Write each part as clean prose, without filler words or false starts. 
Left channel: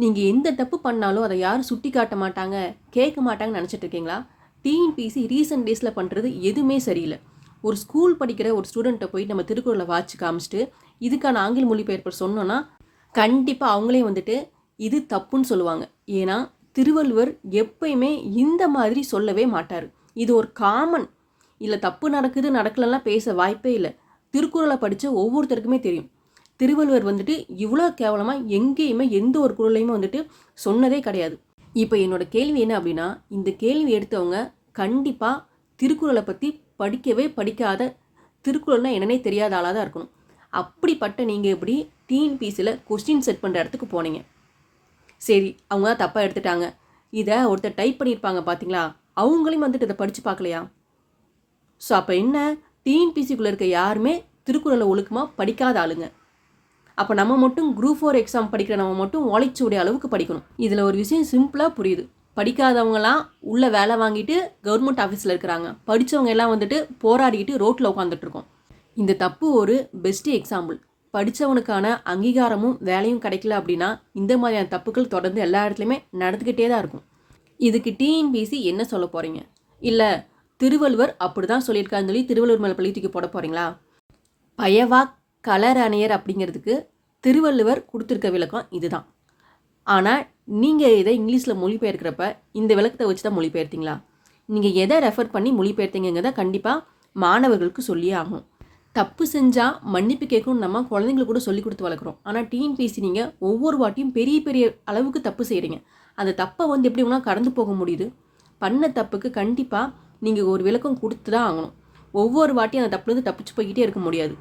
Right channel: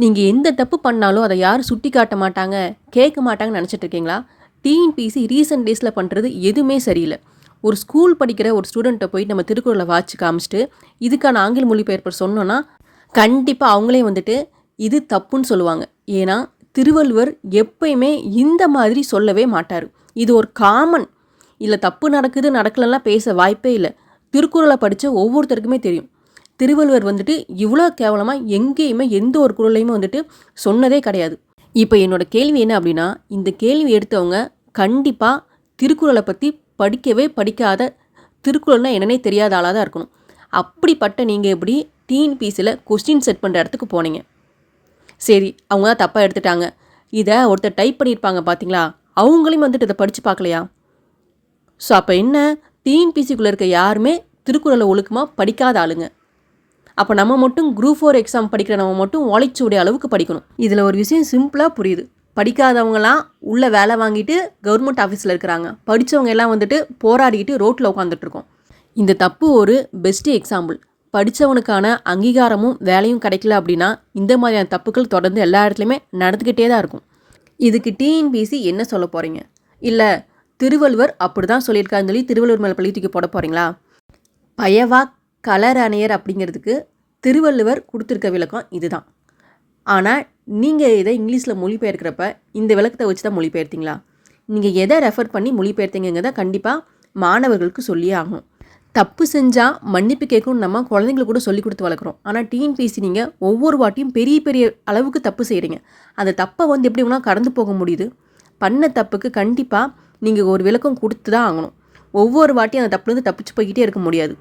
நீங்கள் எந்த தப்பு பண்ணாலும் அதை யாரும் சுட்டி காட்ட மாட்டாங்க, கேட்க மாட்டாங்கன்னு நினச்சிட்டு இருக்கீங்களா? டிஎன்பிஎஸ்சி ரீசெண்ட் டேஸில் பண்ணுறது எதுவுமே சரியில்லை. ஒரு ஸ்கூல் படிக்கிற ஒரு ஸ்டூடெண்ட்டை போய் நம்ம திருக்குறளை வாட்சி காமிச்சிட்டு இதுக்கான ஆங்கில மொழிபெயர்ப்பு சொன்னோன்னா கண்டிப்பாக அவங்களே வந்துட்டு இது தப்புன்னு சொல்லுவாங்க. ஏன்னா திருவள்ளுவர் எப்பயுமே இந்த மாதிரி சொல்லவே மாட்டார். இது ஒரு காமன். இதில் தப்பு நடக்குது நடக்கலன்னா பேச வாய்ப்பே இல்லை. திருக்குறளை படித்த ஒவ்வொருத்தருக்குமே தெரியும். திருவள்ளுவர் வந்துட்டு இவ்வளோ கேவலமாக எங்கேயுமே எந்த ஒரு குறளையுமே வந்துட்டு சொன்னதே கிடையாது. இப்போ என்னோட கேள்வி என்ன அப்படின்னா, இந்த கேள்வி எடுத்தவங்க கண்டிப்பாக திருக்குறளை பற்றி படிக்கவே படிக்காத, திருக்குறள்னா என்னன்னே தெரியாத ஆளாக தான் இருக்கணும். அப்படிப்பட்ட நீங்கள் எப்படி டிஎன்பிஎஸ்சியில் கொஸ்டின் செட் பண்ணுற இடத்துக்கு போனீங்க? சரி, அவங்க தான் தப்பாக எடுத்துட்டாங்க. இதை ஒருத்தர் டைப் பண்ணியிருப்பாங்க பார்த்தீங்களா, அவங்களையும் வந்துட்டு இதை படித்து பார்க்கலையா? ஸோ அப்போ என்ன, டிஎன்பிஎஸ்சிக்குள்ளே இருக்க யாருமே திருக்குறளை ஒழுக்கமாக படிக்காத ஆளுங்க. அப்போ நம்ம மட்டும் குரூப் 4 எக்ஸாம் படிக்கிற நம்ம மட்டும் ஓலைச்சுவடி அளவுக்கு படிக்கணும். இதில் ஒரு விஷயம் சிம்பிளாக புரியுது. படிக்காதவங்களாம் உள்ள வேலை வாங்கிட்டு கவர்மெண்ட் ஆஃபீஸில் இருக்கிறாங்க, படித்தவங்க எல்லாம் வந்துட்டு போராடிக்கிட்டு ரோட்டில் உட்காந்துட்ருக்கோம். இந்த தப்பு ஒரு பெஸ்ட்டு எக்ஸாம்பிள். படித்தவனுக்கான அங்கீகாரமும் வேலையும் கிடைக்கல அப்படின்னா இந்த மாதிரியான தப்புகள் தொடர்ந்து எல்லா இடத்துலையுமே நடந்துக்கிட்டே தான் இருக்கும். இதுக்கு டிஎன்பிஎஸ்சி என்ன சொல்ல போகிறீங்க? இல்லை திருவள்ளுவர் அப்படி தான் சொல்லியிருக்காருன்னு சொல்லி திருவள்ளுவர் மேலே பழி தூக்கி போட போகிறீங்களா? பயவா கலர் அணையர் அப்படிங்கிறதுக்கு திருவள்ளுவர் கொடுத்துருக்க விளக்கம் இதுதான். ஆனால் நீங்கள் இதை இங்கிலீஷில் மொழிபெயர்க்கிறப்ப இந்த விளக்கத்தை வச்சு தான் மொழிபெயர்த்தீங்களா? நீங்கள் எதை ரெஃபர் பண்ணி மொழிபெயர்த்தீங்கிறத கண்டிப்பாக மாணவர்களுக்கு சொல்லியே ஆகணும். தப்பு செஞ்சால் மன்னிப்பு கேட்கணும்னு நம்ம குழந்தைங்களுக்கு கூட சொல்லி கொடுத்து வளர்க்குறோம். ஆனால் டிஎன்பிஎஸ்சி நீங்கள் ஒவ்வொரு வாட்டியும் பெரிய பெரிய அளவுக்கு தப்பு செய்கிறீங்க. அந்த தப்பை எப்படி வேணால் கடந்து போக முடியுது? பண்ண தப்புக்கு கண்டிப்பாக நீங்கள் ஒரு விளக்கம் கொடுத்து தான் ஆகணும். ஒவ்வொரு வாட்டியும் அந்த தப்புலேருந்து தப்பிச்சு போய்கிட்டே இருக்க முடியாது.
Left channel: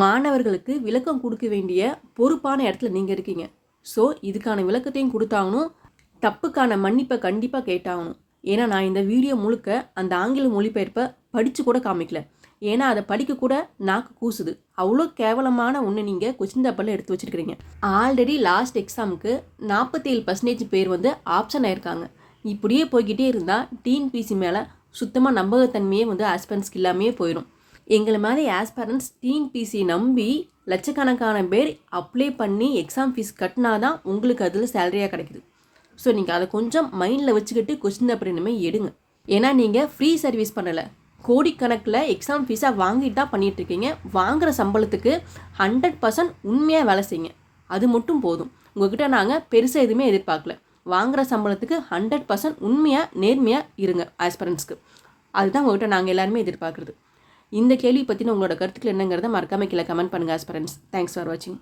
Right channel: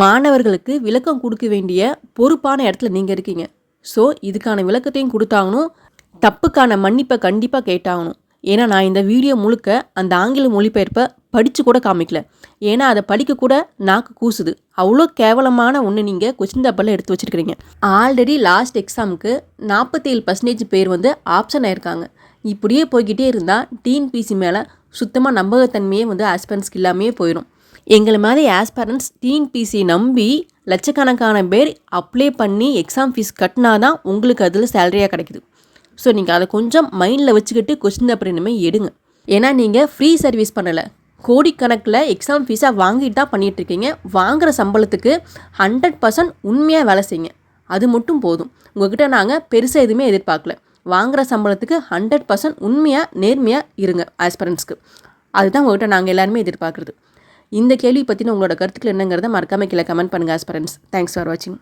மாணவர்களுக்கு விளக்கம் கொடுக்க வேண்டிய பொறுப்பான இடத்துல நீங்கள் இருக்கீங்க. ஸோ இதுக்கான விளக்கத்தையும் கொடுத்தாகணும், தப்புக்கான மன்னிப்பை கண்டிப்பாக கேட்டாகணும். ஏன்னா நான் இந்த வீடியோ முழுக்க அந்த ஆங்கில மொழிபெயர்ப்பை படித்து கூட காமிக்கல. ஏன்னா அதை படிக்க கூட நாக்கு கூசுது. அவ்வளோ கேவலமான ஒன்று நீங்கள் கொஸ்டின் பேப்பரில் எடுத்து வச்சுருக்கிறீங்க. ஆல்ரெடி லாஸ்ட் எக்ஸாமுக்கு 47% பேர் ஆப்ஷன் ஆயிருக்காங்க. இப்படியே போய்கிட்டே இருந்தால் டிஎன்பிஎஸ்சி மேலே சுத்தமாக நம்பகத்தன்மையே ஆஸ்பிரண்ட்ஸ்க்கு இல்லாமையே போயிடும். எங்களை மாதிரி ஆஸ்பிரண்ட்ஸ் டிஎன்பிஎஸ்சி நம்பி லட்சக்கணக்கான பேர் அப்ளை பண்ணி எக்ஸாம் ஃபீஸ் கட்டினா தான் உங்களுக்கு அதில் சேலரியாக கிடைக்குது. ஸோ நீங்கள் அதை கொஞ்சம் மைண்டில் வச்சுக்கிட்டு கொஸ்டின் பேப்பர் இனிமேல் எடுங்க. ஏன்னா நீங்கள் ஃப்ரீ சர்வீஸ் பண்ணலை, கோடிக்கணக்கில் எக்ஸாம் ஃபீஸாக வாங்கிட்டு தான் பண்ணிகிட்ருக்கீங்க. வாங்குகிற சம்பளத்துக்கு 100% உண்மையாக வேலை செய்யுங்க, அது மட்டும் போதும். உங்கள்கிட்ட நாங்கள் பெருசாக எதுவுமே எதிர்பார்க்கல. வாங்குகிற சம்பளத்துக்கு 100% உண்மையாக நேர்மையாக இருங்க ஆஸ்பிரண்ட்ஸ்க்கு. அதுதான் உங்கள்கிட்ட நாங்கள் எல்லாருமே எதிர்பார்க்குறது. இந்த கேள்வி பற்றின உங்களோட கருத்துக்கள் என்னங்கிறத மறக்காமல் கீழே கமெண்ட் பண்ணுங்கள் ஆஸ்பிரண்ட்ஸ். தேங்க்ஸ் ஃபார் வாட்சிங்.